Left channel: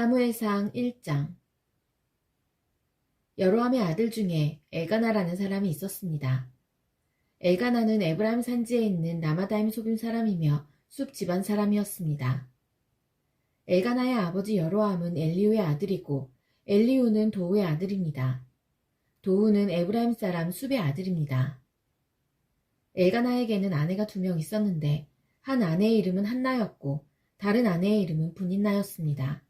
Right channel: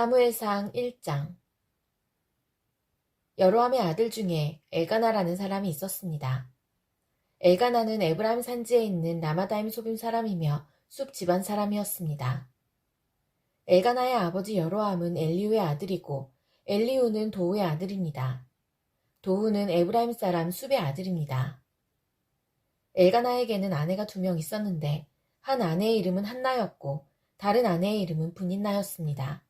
사무엘상 1장. 여로함의 아들 중에 엘가나라는 사람이 있었습니다. 엘가나는 에브라임 산지에 있는 라마다임 소빔 사람이며 숲 집안 사람이었습니다. 엘가나의 아버지 여로함은 엘리후의 아들이고 엘리후는 도후의 아들입니다. 도후는 에브라임 사람 숲의 아들입니다. 엘가나에게는 아내가 2명 있었는데 한 아내의 이름은 한나였고 다른 아내의 이름은 분인나였습니다.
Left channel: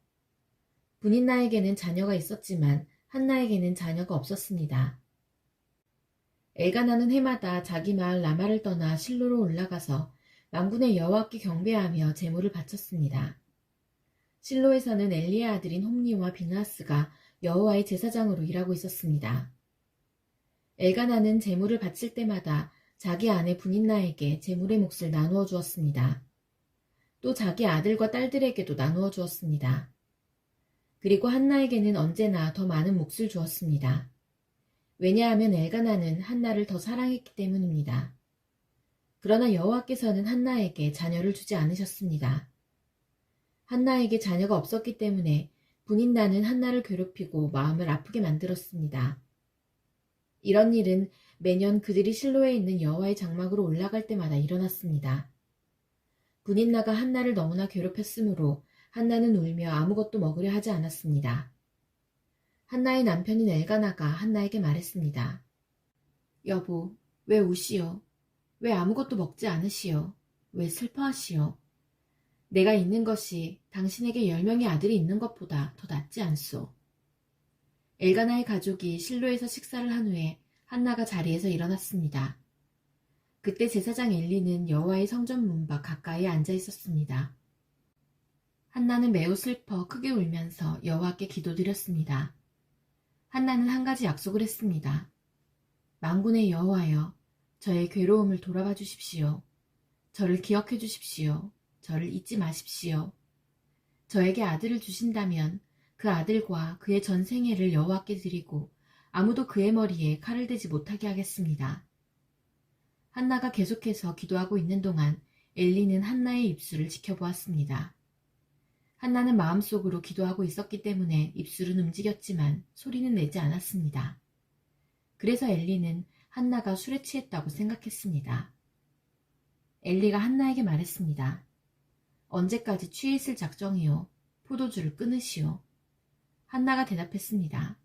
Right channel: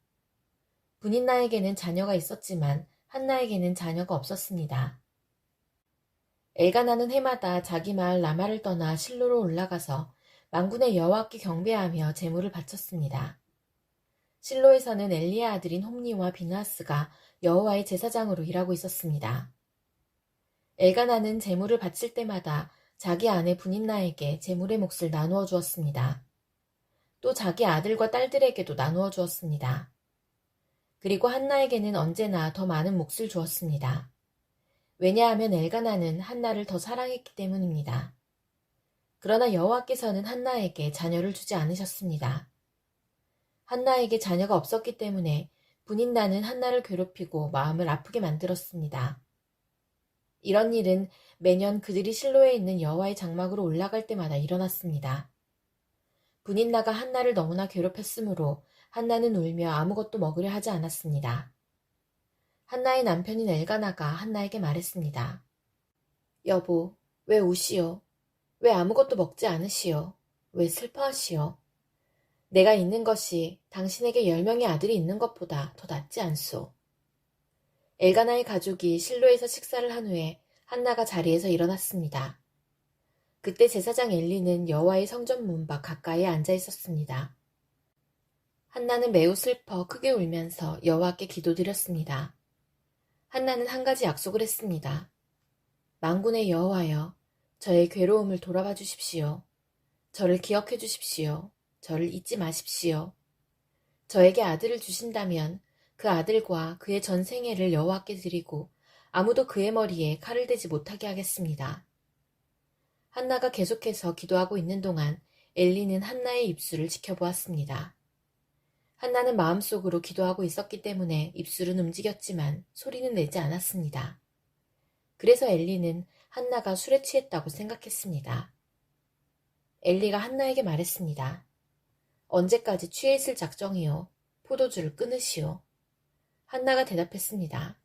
분인나에게는 자녀가 있었지만 한나에게는 자녀가 없었습니다. 엘가나는 해마다 자기 마을 라마를 떠나 실로로 올라가서 만군의 여호와께 경배하며 제물을 바쳤습니다. 실로에서는 엘리의 아들인 홈니와 비나스가 여호와의 제사장으로 일하고 있었습니다. 엘가나는 제물을 바칠 때마다 자기 아내 분인나에게 제물의 몫을 나누어 주었습니다. 또 자기 아들과 딸들에게도 나누어 주었습니다. 그리고 한나에게는 언제나 더 많은 몫을 주었습니다. 왜냐하면 엘가나는 한나를 더 사랑했기 때문입니다. 그러나 여호와께서는 한나에게 자녀를 주지 않으셨습니다. 한나에게 자녀가 없었기 때문에 분인나는 한나를 괴롭히고 마음을 아프게 만들었습니다. 이런 일은 매년 그들이 실로에 있는 여호와의 장막으로 올라갈 때마다 일어났습니다. 분인나가 한나를 너무나 괴롭혔으므로 한나는 울며 아무것도 먹으려 하지 않았습니다. 한나의 남편인 엘가나가 한나에게 말했습니다. 여보, 왜 우시오? 왜 아무것도 먹지 않으시오? 왜 슬퍼하시오? 내가 있는 것이 당신에게 10명의 아들이 있는 것보다 더 낫지 않소. 엘가나의 가족이 실로에서 식사를 한 후에 한나가 자리에서 일어났습니다. 그때 제사장 엘리는 여호와의 성전 문 밖 가까이에 앉아 있었습니다. 한나는 매우 슬퍼 크게 울면서 여호와께 기도드렸습니다. 한나는 한 가지 약속을 했습니다. 만군의 여호와여, 저의 괴로움을 돌아봐 주십시오. 저를 기억해 주십시오. 저를 잊지 마십시오. 저에게 아들을 주신다면 그 아들과 그의 전 생애를 여호와께 드리고 아무도 그의 머리에 칼을 대지 못하게 하겠습니다. 한나가 계속해서 기도하고 있는 동안 엘리는 한나의 입술을 지켜보았습니다. 한나는 마음속으로 기도하고 있었기 때문에 입술은 움직였지만 소리는 내지 않았습니다. 그래서 엘리는 한나가 술에 취했다고 생각했습니다. 엘리가 한나에게 말했습니다. 언제까지 취해 있을 작정이요? 포도주를 끊으시오. 한나가 대답했습니다.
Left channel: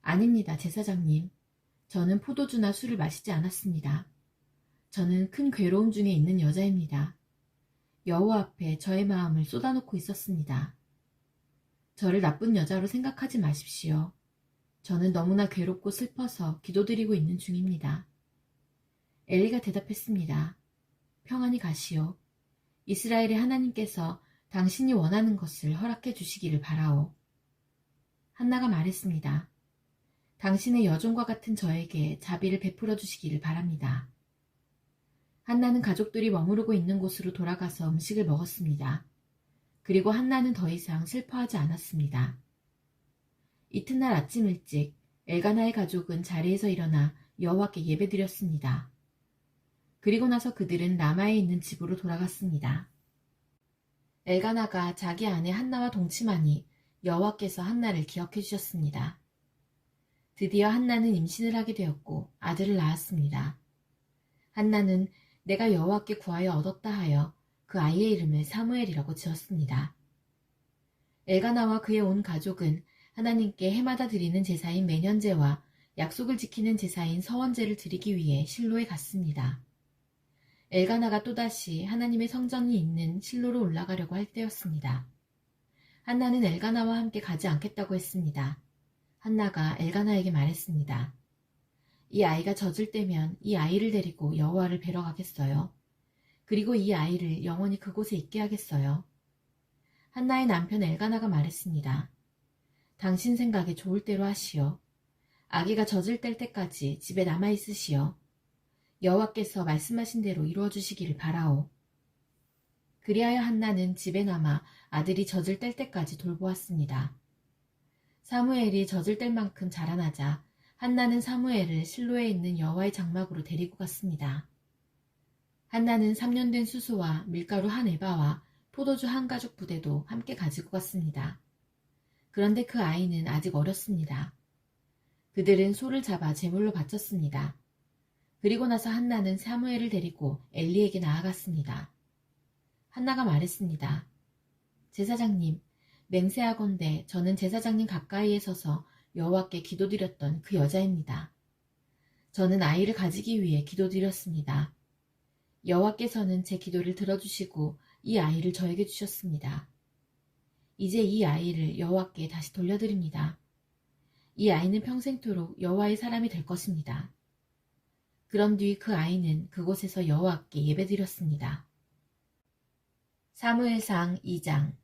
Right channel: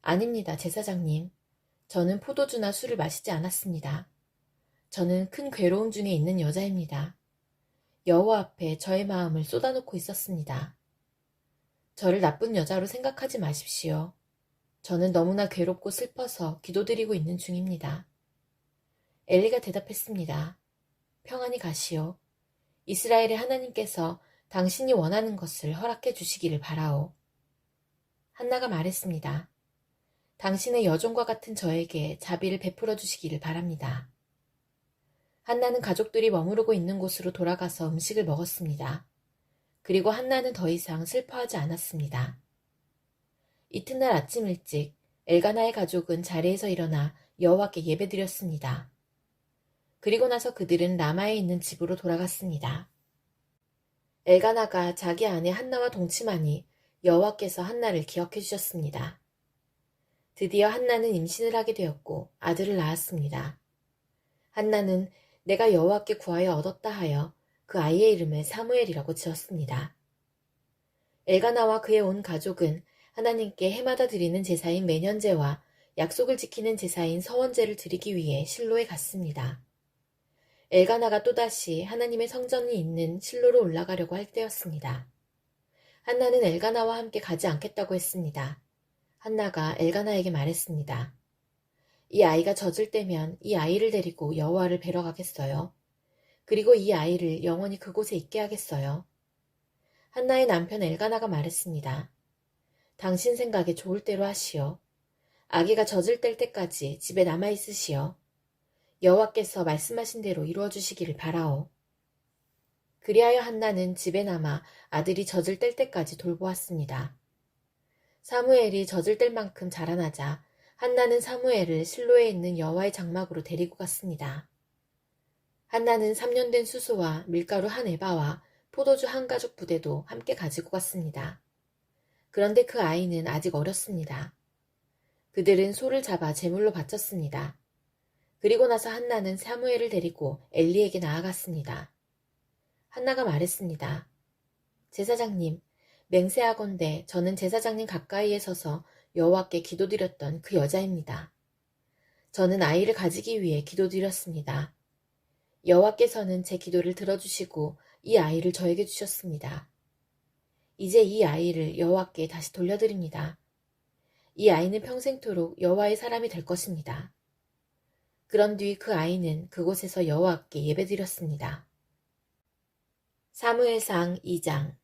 아닙니다, 제사장님. 저는 포도주나 술을 마시지 않았습니다. 저는 큰 괴로움 중에 있는 여자입니다. 여호와 앞에 저의 마음을 쏟아놓고 있었습니다. 저를 나쁜 여자로 생각하지 마십시오. 저는 너무나 괴롭고 슬퍼서 기도드리고 있는 중입니다. 엘리가 대답했습니다. 평안히 가시오. 이스라엘의 하나님께서 당신이 원하는 것을 허락해 주시기를 바라오. 한나가 말했습니다. 당신의 여종과 같은 저에게 자비를 베풀어 주시기를 바랍니다. 한나는 가족들이 머무르고 있는 곳으로 돌아가서 음식을 먹었습니다. 그리고 한나는 더 이상 슬퍼하지 않았습니다. 이튿날 아침 일찍 엘가나의 가족은 자리에서 일어나 여호와께 예배드렸습니다. 그리고 나서 그들은 라마에 있는 집으로 돌아갔습니다. 엘가나가 자기 아내 한나와 동침하니 여호와께서 한나를 기억해 주셨습니다. 드디어 한나는 임신을 하게 되었고 아들을 낳았습니다. 한나는 내가 여호와께 구하여 얻었다 하여 그 아이의 이름을 사무엘이라고 지었습니다. 엘가나와 그의 온 가족은 하나님께 해마다 드리는 제사인 매년제와 약속을 지키는 제사인 서원제를 드리기 위해 실로에 갔습니다. 엘가나가 또다시 하나님의 성전이 있는 실로로 올라가려고 할 때였습니다. 한나는 엘가나와 함께 가지 않겠다고 했습니다. 한나가 엘가나에게 말했습니다. 이 아이가 젖을 때면 이 아이를 데리고 여호와를 뵈러 가겠어요. 그리고 이 아이를 영원히 그곳에 있게 하겠어요. 한나의 남편 엘가나가 말했습니다. 당신 생각에 좋을 대로 하시오. 아기가 젖을 뗄 때까지 집에 남아 있으시오. 여호와께서 말씀하신 대로 이루어 주시기를 바라오. 그리하여 한나는 집에 남아 아들이 젖을 뗄 때까지 돌보았습니다. 사무엘이 젖을 뗄 만큼 자라나자 한나는 사무엘을 실로에 있는 여호와의 장막으로 데리고 갔습니다. 한나는 3년 된 수소와 밀가루 한 에바와 포도주 한 가죽 부대도 함께 가지고 갔습니다. 그런데 그 아이는 아직 어렸습니다. 그들은 소를 잡아 제물로 바쳤습니다. 그리고 나서 한나는 사무엘을 데리고 엘리에게 나아갔습니다. 한나가 말했습니다. 제사장님, 맹세하건대 저는 제사장님 가까이에 서서 여호와께 기도드렸던 그 여자입니다. 저는 아이를 가지기 위해 기도드렸습니다. 여호와께서는 제 기도를 들어주시고 이 아이를 저에게 주셨습니다. 이제 이 아이를 여호와께 다시 돌려드립니다. 이 아이는 평생토록 여호와의 사람이 될 것입니다. 그런 뒤 그 아이는 그곳에서 여호와께 예배드렸습니다. 사무엘상 2장.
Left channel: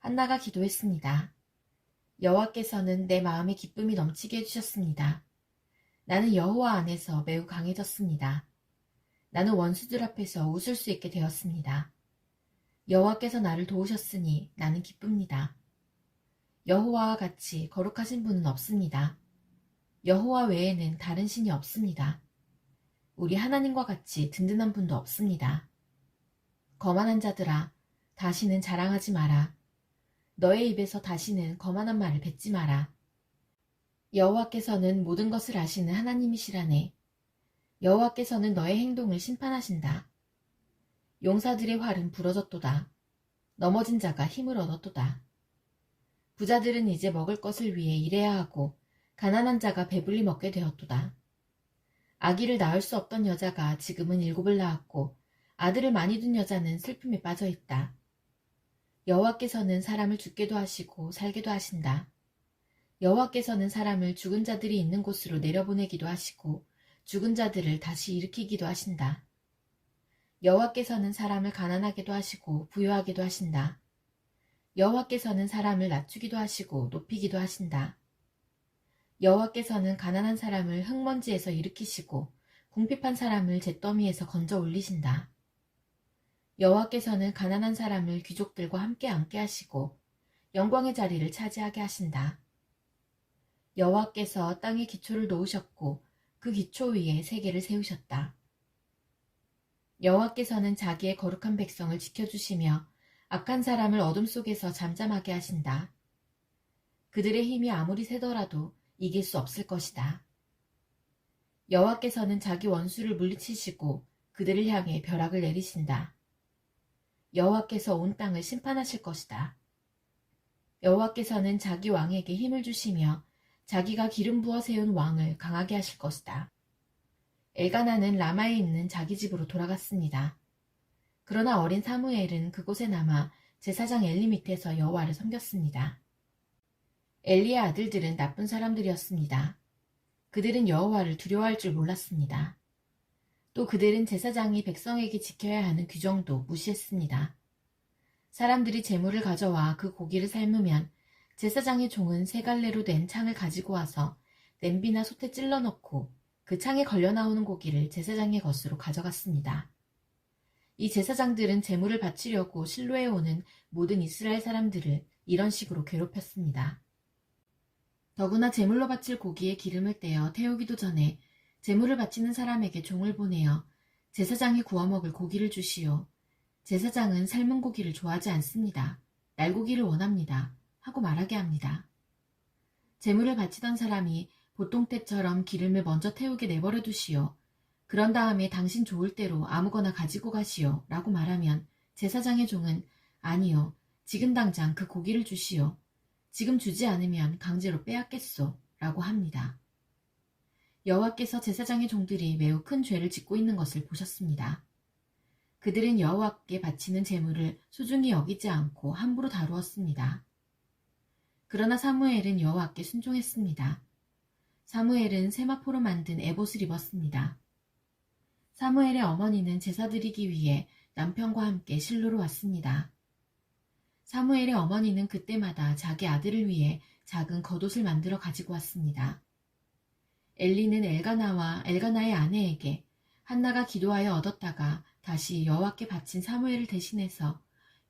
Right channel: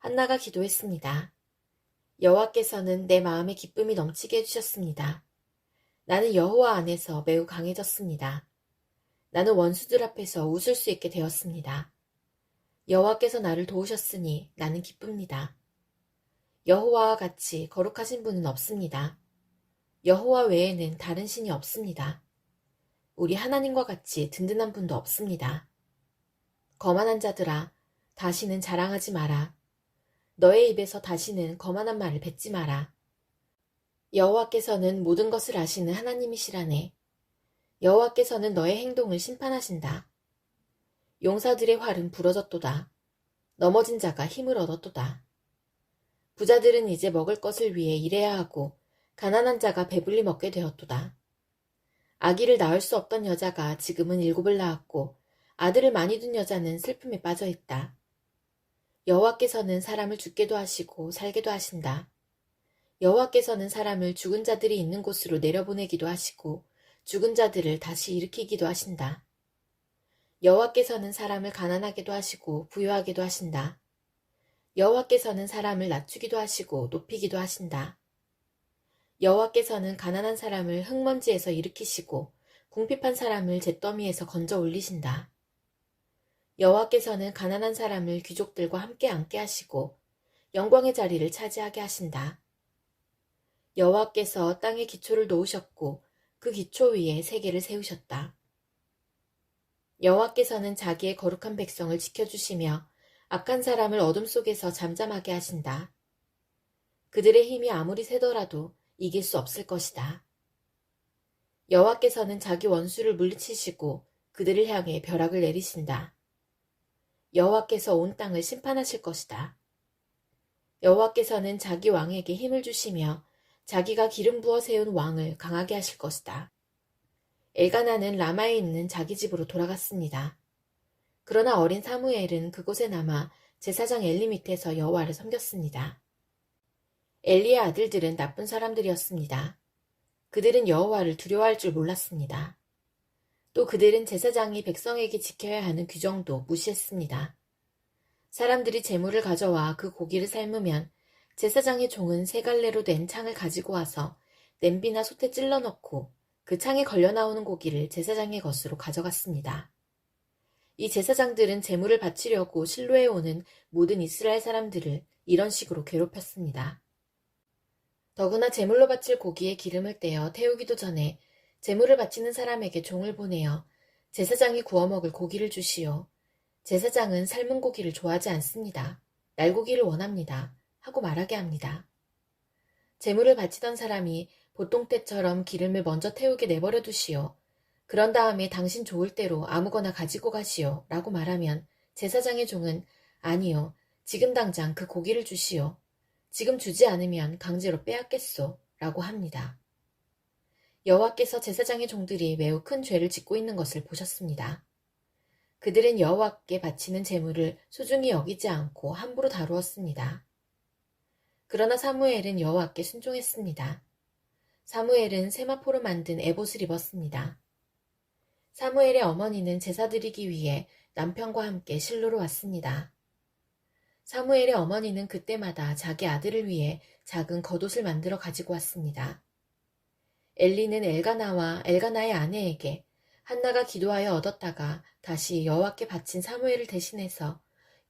한나가 기도했습니다. 여호와께서는 내 마음에 기쁨이 넘치게 해주셨습니다. 나는 여호와 안에서 매우 강해졌습니다. 나는 원수들 앞에서 웃을 수 있게 되었습니다. 여호와께서 나를 도우셨으니 나는 기쁩니다. 여호와와 같이 거룩하신 분은 없습니다. 여호와 외에는 다른 신이 없습니다. 우리 하나님과 같이 든든한 분도 없습니다. 거만한 자들아, 다시는 자랑하지 마라. 너의 입에서 다시는 거만한 말을 뱉지 마라. 여호와께서는 모든 것을 아시는 하나님이시라네. 여호와께서는 너의 행동을 심판하신다. 용사들의 활은 부러졌도다. 넘어진 자가 힘을 얻었도다. 부자들은 이제 먹을 것을 위해 일해야 하고 가난한 자가 배불리 먹게 되었도다. 아기를 낳을 수 없던 여자가 지금은 7을 낳았고 아들을 많이 둔 여자는 슬픔에 빠져 있다. 여호와께서는 사람을 죽게도 하시고 살게도 하신다. 여호와께서는 사람을 죽은 자들이 있는 곳으로 내려보내기도 하시고 죽은 자들을 다시 일으키기도 하신다. 여호와께서는 사람을 가난하게도 하시고 부유하게도 하신다. 여호와께서는 사람을 낮추기도 하시고 높이기도 하신다. 여호와께서는 가난한 사람을 흙먼지에서 일으키시고 궁핍한 사람을 잿더미에서 건져 올리신다. 여호와께서는 가난한 사람을 귀족들과 함께 앉게 하시고 영광의 자리를 차지하게 하신다. 여호와께서 땅에 기초를 놓으셨고 그 기초 위에 세계를 세우셨다. 여호와께서는 자기의 거룩한 백성을 지켜주시며 악한 사람을 어둠 속에서 잠잠하게 하신다. 그들의 힘이 아무리 세더라도 이길 수 없을 것이다. 여호와께서는 자기 원수를 물리치시고 그들을 향해 벼락을 내리신다. 여호와께서 온 땅을 심판하실 것이다. 여호와께서는 자기 왕에게 힘을 주시며 자기가 기름 부어 세운 왕을 강하게 하실 것이다. 엘가나는 라마에 있는 자기 집으로 돌아갔습니다. 그러나 어린 사무엘은 그곳에 남아 제사장 엘리 밑에서 여호와를 섬겼습니다. 엘리의 아들들은 나쁜 사람들이었습니다. 그들은 여호와를 두려워할 줄 몰랐습니다. 또 그들은 제사장이 백성에게 지켜야 하는 규정도 무시했습니다. 사람들이 제물을 가져와 그 고기를 삶으면 제사장의 종은 세 갈래로 된 창을 가지고 와서 냄비나 솥에 찔러 넣고 그 창에 걸려 나오는 고기를 제사장의 것으로 가져갔습니다. 이 제사장들은 제물을 바치려고 실로에 오는 모든 이스라엘 사람들을 이런 식으로 괴롭혔습니다. 더구나 제물로 바칠 고기에 기름을 떼어 태우기도 전에 제물을 바치는 사람에게 종을 보내어 제사장이 구워 먹을 고기를 주시오. 제사장은 삶은 고기를 좋아하지 않습니다. 날고기를 원합니다. 하고 말하게 합니다. 제물을 바치던 사람이 보통 때처럼 기름을 먼저 태우게 내버려 두시오. 그런 다음에 당신 좋을 대로 아무거나 가지고 가시오. 라고 말하면 제사장의 종은 아니요. 지금 당장 그 고기를 주시오. 지금 주지 않으면 강제로 빼앗겠소. 라고 합니다. 여호와께서 제사장의 종들이 매우 큰 죄를 짓고 있는 것을 보셨습니다. 그들은 여호와께 바치는 제물을 소중히 여기지 않고 함부로 다루었습니다. 그러나 사무엘은 여호와께 순종했습니다. 사무엘은 세마포로 만든 에봇을 입었습니다. 사무엘의 어머니는 제사 드리기 위해 남편과 함께 실로로 왔습니다. 사무엘의 어머니는 그때마다 자기 아들을 위해 작은 겉옷을 만들어 가지고 왔습니다. 엘리는 엘가나와 엘가나의 아내에게 한나가 기도하여 얻었다가 다시 여호와께 바친 사무엘을 대신해서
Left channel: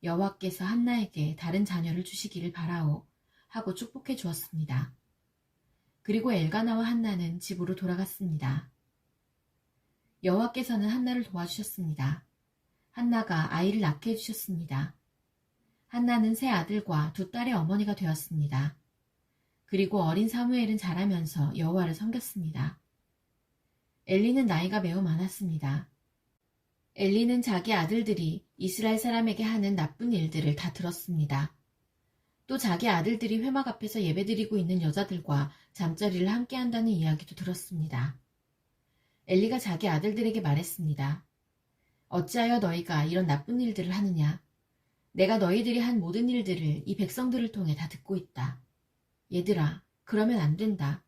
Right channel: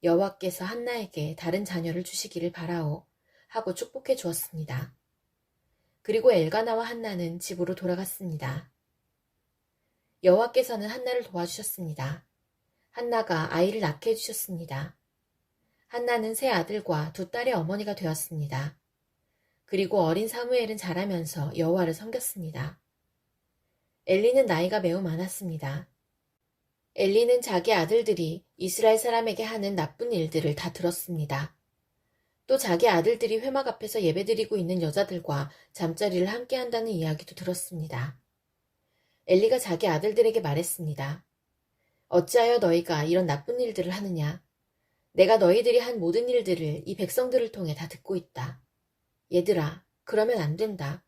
여호와께서 한나에게 다른 자녀를 주시기를 바라오 하고 축복해 주었습니다. 그리고 엘가나와 한나는 집으로 돌아갔습니다. 여호와께서는 한나를 도와주셨습니다. 한나가 아이를 낳게 해주셨습니다. 한나는 세 아들과 두 딸의 어머니가 되었습니다. 그리고 어린 사무엘은 자라면서 여호와를 섬겼습니다. 엘리는 나이가 매우 많았습니다. 엘리는 자기 아들들이 이스라엘 사람에게 하는 나쁜 일들을 다 들었습니다. 또 자기 아들들이 회막 앞에서 예배드리고 있는 여자들과 잠자리를 함께 한다는 이야기도 들었습니다. 엘리가 자기 아들들에게 말했습니다. 어찌하여 너희가 이런 나쁜 일들을 하느냐? 내가 너희들이 한 모든 일들을 이 백성들을 통해 다 듣고 있다. 얘들아, 그러면 안 된다.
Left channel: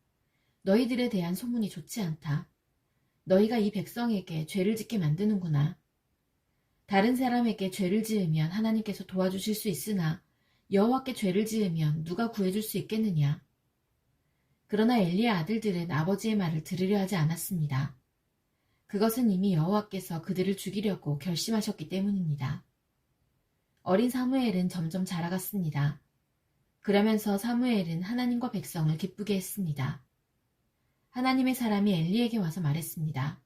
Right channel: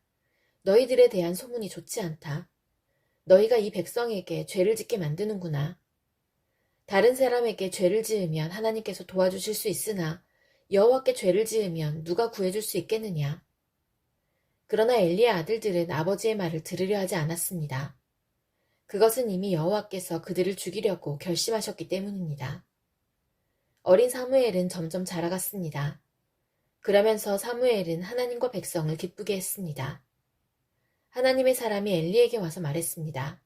너희들에 대한 소문이 좋지 않다. 너희가 이 백성에게 죄를 짓게 만드는구나. 다른 사람에게 죄를 지으면 하나님께서 도와주실 수 있으나 여호와께 죄를 지으면 누가 구해줄 수 있겠느냐. 그러나 엘리의 아들들은 아버지의 말을 들으려 하지 않았습니다. 그것은 이미 여호와께서 그들을 죽이려고 결심하셨기 때문입니다. 어린 사무엘은 점점 자라갔습니다. 그러면서 사무엘은 하나님과 백성을 기쁘게 했습니다. 하나님의 사람이 엘리에게 와서 말했습니다.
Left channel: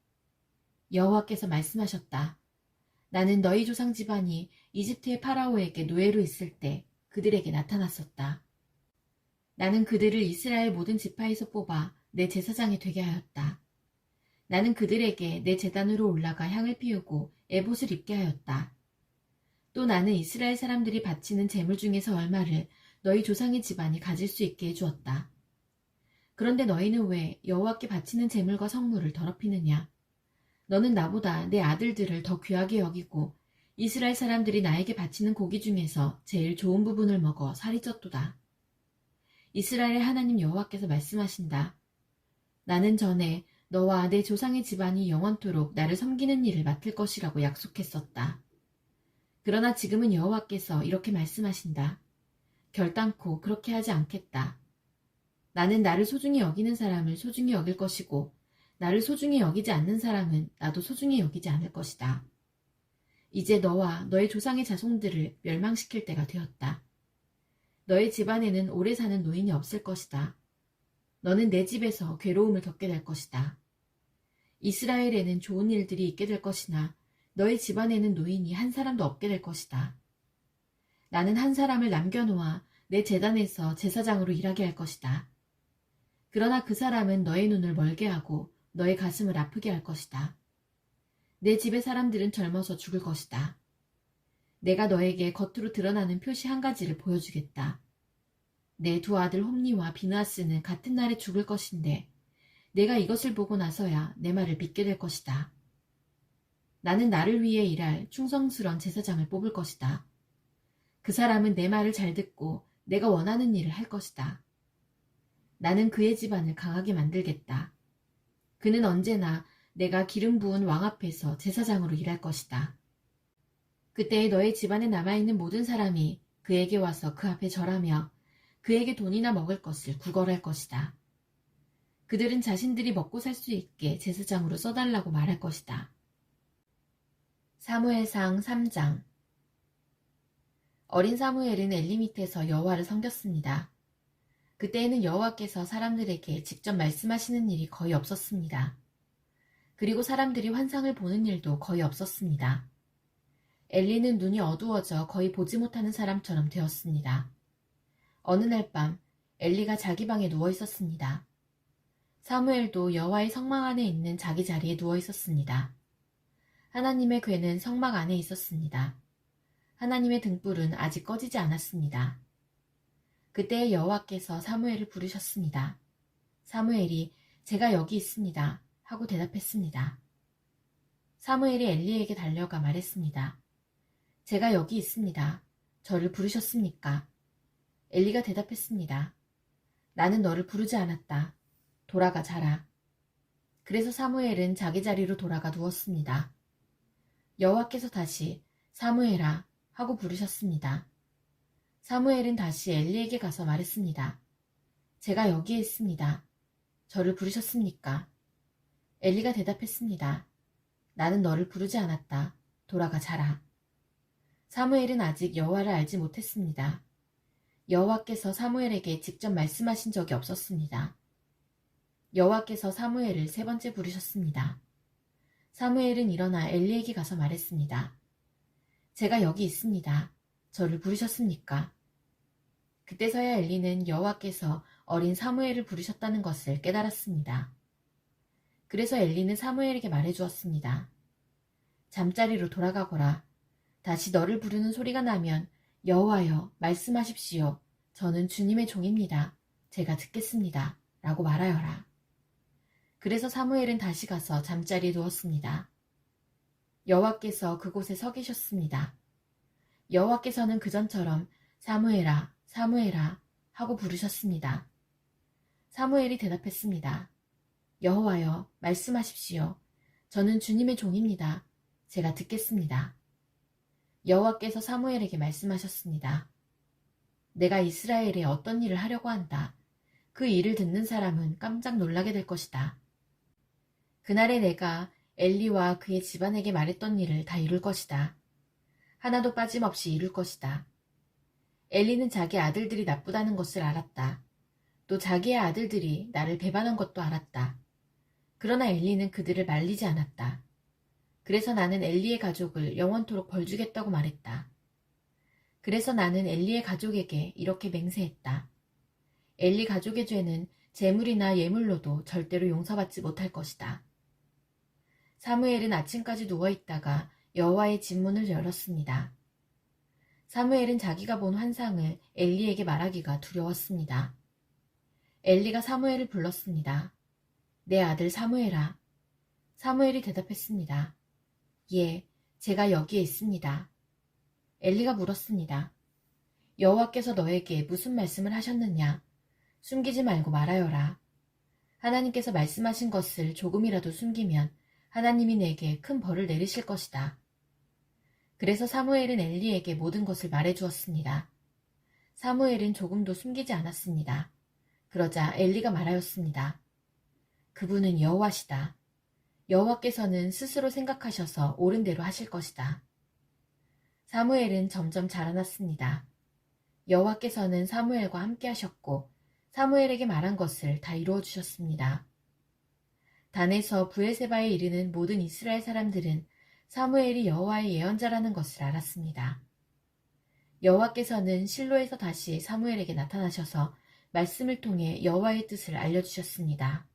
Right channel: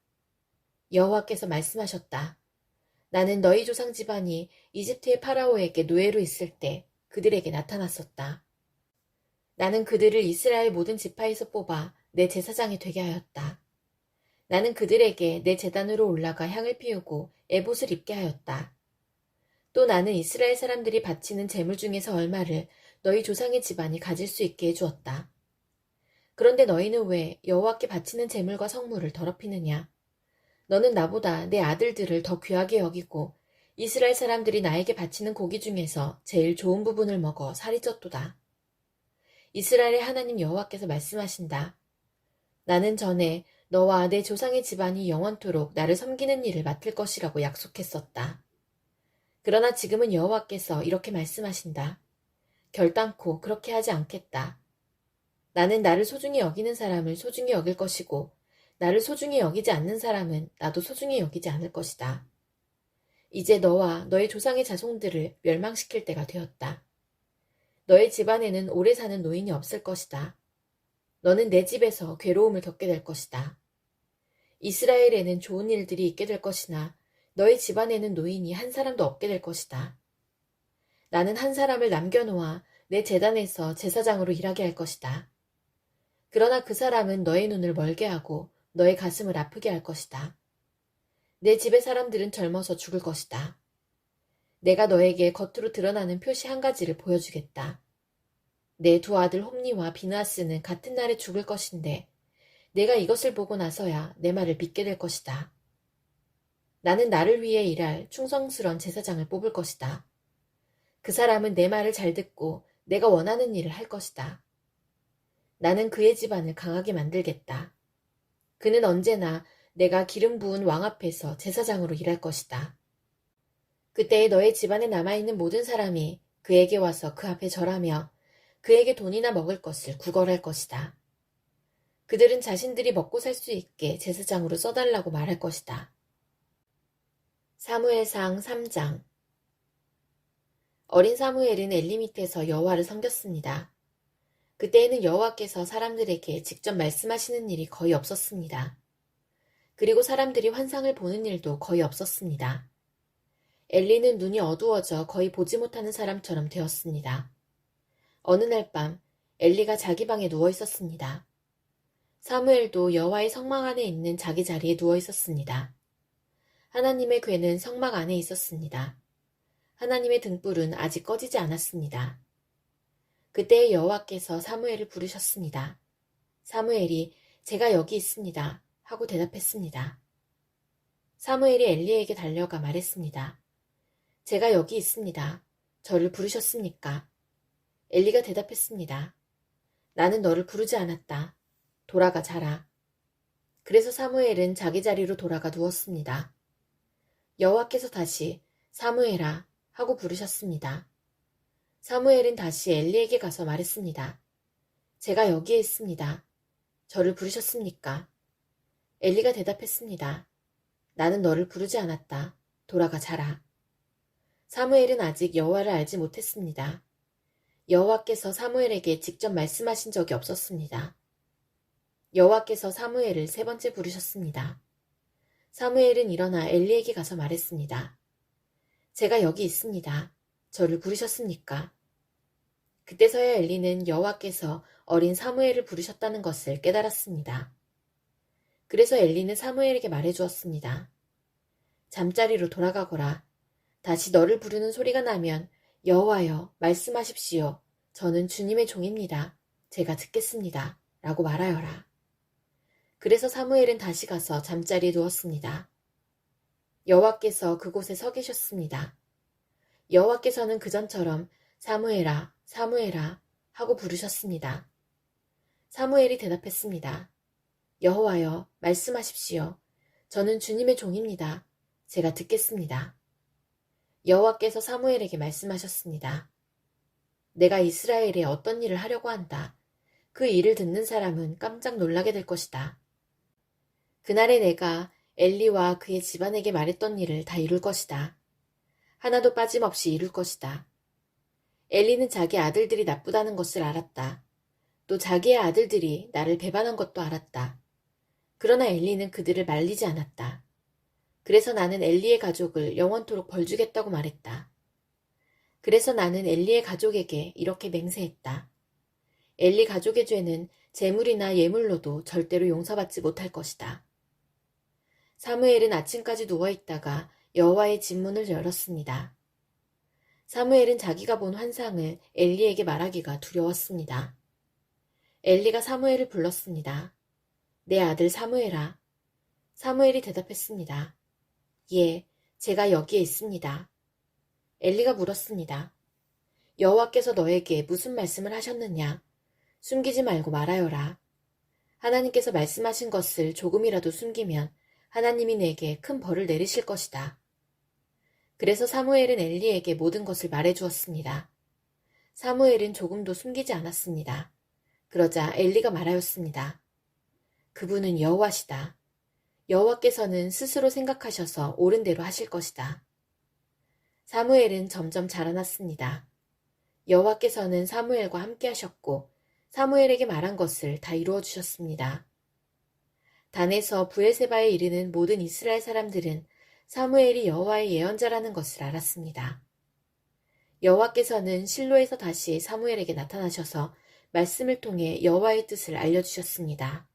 여호와께서 말씀하셨다. 나는 너희 조상 집안이 이집트의 파라오에게 노예로 있을 때 그들에게 나타났었다. 나는 그들을 이스라엘 모든 지파에서 뽑아 내 제사장이 되게 하였다. 나는 그들에게 내 제단으로 올라가 향을 피우고 에봇을 입게 하였다. 또 나는 이스라엘 사람들이 바치는 제물 중에서 얼마를 너희 조상의 집안이 가질 수 있게 해주었다. 그런데 너희는 왜 여호와께 바치는 제물과 성물을 더럽히느냐? 너는 나보다 내 아들들을 더 귀하게 여기고 이스라엘 사람들이 나에게 바치는 고기 중에서 제일 좋은 부분을 먹어 살이 쪘도다. 이스라엘의 하나님 여호와께서 말씀하신다. 나는 전에 너와 내 조상의 집안이 영원토록 나를 섬기는 일을 맡을 것이라고 약속했었다. 그러나 지금은 여호와께서 이렇게 말씀하신다. 결단코 그렇게 하지 않겠다. 나는 나를 소중히 여기는 사람을 소중히 여길 것이고 나를 소중히 여기지 않는 사람은 나도 소중히 여기지 않을 것이다. 이제 너와 너의 조상의 자손들을 멸망시킬 때가 되었다. 너의 집안에는 오래 사는 노인이 없을 것이다. 너는 내 집에서 괴로움을 겪게 될 것이다. 이스라엘에는 좋은 일들이 있게 될 것이나 너의 집안에는 노인이 한 사람도 없게 될 것이다. 나는 한 사람을 남겨놓아 내 제단에서 제사장으로 일하게 할 것이다. 그러나 그 사람은 너의 눈을 멀게 하고 너의 가슴을 아프게 할 것이다. 내 집의 사람들은 젊어서 죽을 것이다. 내가 너에게 겉으로 드러나는 표시 한 가지를 보여주겠다. 내 두 아들 홈니와 비느하스는 같은 날에 죽을 것인데 내가 이것을 보고 나서야 내 말을 믿게 될 것이다. 나는 나를 위해 일할 충성스러운 제사장을 뽑을 것이다. 그 사람은 내 말을 잘 듣고 내가 원하는 일을 할 것이다. 나는 그의 집안을 강하게 만들겠다. 그는 언제나 내가 기름 부은 왕 앞에서 제사장으로 일할 것이다. 그때에 너의 집안에 남아있는 모든 사람이 그에게 와서 그 앞에 절하며 그에게 돈이나 먹을 것을 구걸할 것이다. 그들은 자신들이 먹고 살 수 있게 제사장으로 써달라고 말할 것이다. 사무엘상 3장. 어린 사무엘은 엘리 밑에서 여호와를 섬겼습니다. 그때에는 여호와께서 사람들에게 직접 말씀하시는 일이 거의 없었습니다. 그리고 사람들이 환상을 보는 일도 거의 없었습니다. 엘리는 눈이 어두워져 거의 보지 못하는 사람처럼 되었습니다. 어느 날 밤 엘리가 자기 방에 누워 있었습니다. 사무엘도 여호와의 성막 안에 있는 자기 자리에 누워 있었습니다. 하나님의 궤는 성막 안에 있었습니다. 하나님의 등불은 아직 꺼지지 않았습니다. 그때 여호와께서 사무엘을 부르셨습니다. 사무엘이 제가 여기 있습니다 하고 대답했습니다. 사무엘이 엘리에게 달려가 말했습니다. 제가 여기 있습니다. 저를 부르셨습니까? 엘리가 대답했습니다. 나는 너를 부르지 않았다. 돌아가 자라. 그래서 사무엘은 자기 자리로 돌아가 누웠습니다. 여호와께서 다시 사무엘아 하고 부르셨습니다. 사무엘은 다시 엘리에게 가서 말했습니다. 제가 여기에 있습니다. 저를 부르셨습니까? 엘리가 대답했습니다. 나는 너를 부르지 않았다. 돌아가 자라. 사무엘은 아직 여호와를 알지 못했습니다. 여호와께서 사무엘에게 직접 말씀하신 적이 없었습니다. 여호와께서 사무엘을 세 번째 부르셨습니다. 사무엘은 일어나 엘리에게 가서 말했습니다. 제가 여기 있습니다. 저를 부르셨습니까? 그때서야 엘리는 여호와께서 어린 사무엘을 부르셨다는 것을 깨달았습니다. 그래서 엘리는 사무엘에게 말해주었습니다. 잠자리로 돌아가거라. 다시 너를 부르는 소리가 나면 여호와여 말씀하십시오. 저는 주님의 종입니다. 제가 듣겠습니다. 라고 말하여라. 그래서 사무엘은 다시 가서 잠자리에 누웠습니다. 여호와께서 그곳에 서 계셨습니다. 여호와께서는 그전처럼 사무엘아, 사무엘아 하고 부르셨습니다. 사무엘이 대답했습니다. 여호와여 말씀하십시오. 저는 주님의 종입니다. 제가 듣겠습니다. 여호와께서 사무엘에게 말씀하셨습니다. 내가 이스라엘에 어떤 일을 하려고 한다. 그 일을 듣는 사람은 깜짝 놀라게 될 것이다. 그날에 내가 엘리와 그의 집안에게 말했던 일을 다 이룰 것이다. 하나도 빠짐없이 이룰 것이다. 엘리는 자기 아들들이 나쁘다는 것을 알았다. 또 자기의 아들들이 나를 배반한 것도 알았다. 그러나 엘리는 그들을 말리지 않았다. 그래서 나는 엘리의 가족을 영원토록 벌주겠다고 말했다. 그래서 나는 엘리의 가족에게 이렇게 맹세했다. 엘리 가족의 죄는 재물이나 예물로도 절대로 용서받지 못할 것이다. 사무엘은 아침까지 누워있다가 여호와의 집 문을 열었습니다. 사무엘은 자기가 본 환상을 엘리에게 말하기가 두려웠습니다. 엘리가 사무엘을 불렀습니다. 내 아들 사무엘아. 사무엘이 대답했습니다. 예, 제가 여기에 있습니다. 엘리가 물었습니다. 여호와께서 너에게 무슨 말씀을 하셨느냐? 숨기지 말고 말하여라. 하나님께서 말씀하신 것을 조금이라도 숨기면 하나님이 내게 큰 벌을 내리실 것이다. 그래서 사무엘은 엘리에게 모든 것을 말해주었습니다. 사무엘은 조금도 숨기지 않았습니다. 그러자 엘리가 말하였습니다. 그분은 여호와시다. 여호와께서는 스스로 생각하셔서 옳은 대로 하실 것이다. 사무엘은 점점 자라났습니다. 여호와께서는 사무엘과 함께 하셨고 사무엘에게 말한 것을 다 이루어 주셨습니다. 단에서 브엘세바에 이르는 모든 이스라엘 사람들은 사무엘이 여호와의 예언자라는 것을 알았습니다. 여호와께서는 실로에서 다시 사무엘에게 나타나셔서 말씀을 통해 여호와의 뜻을 알려주셨습니다.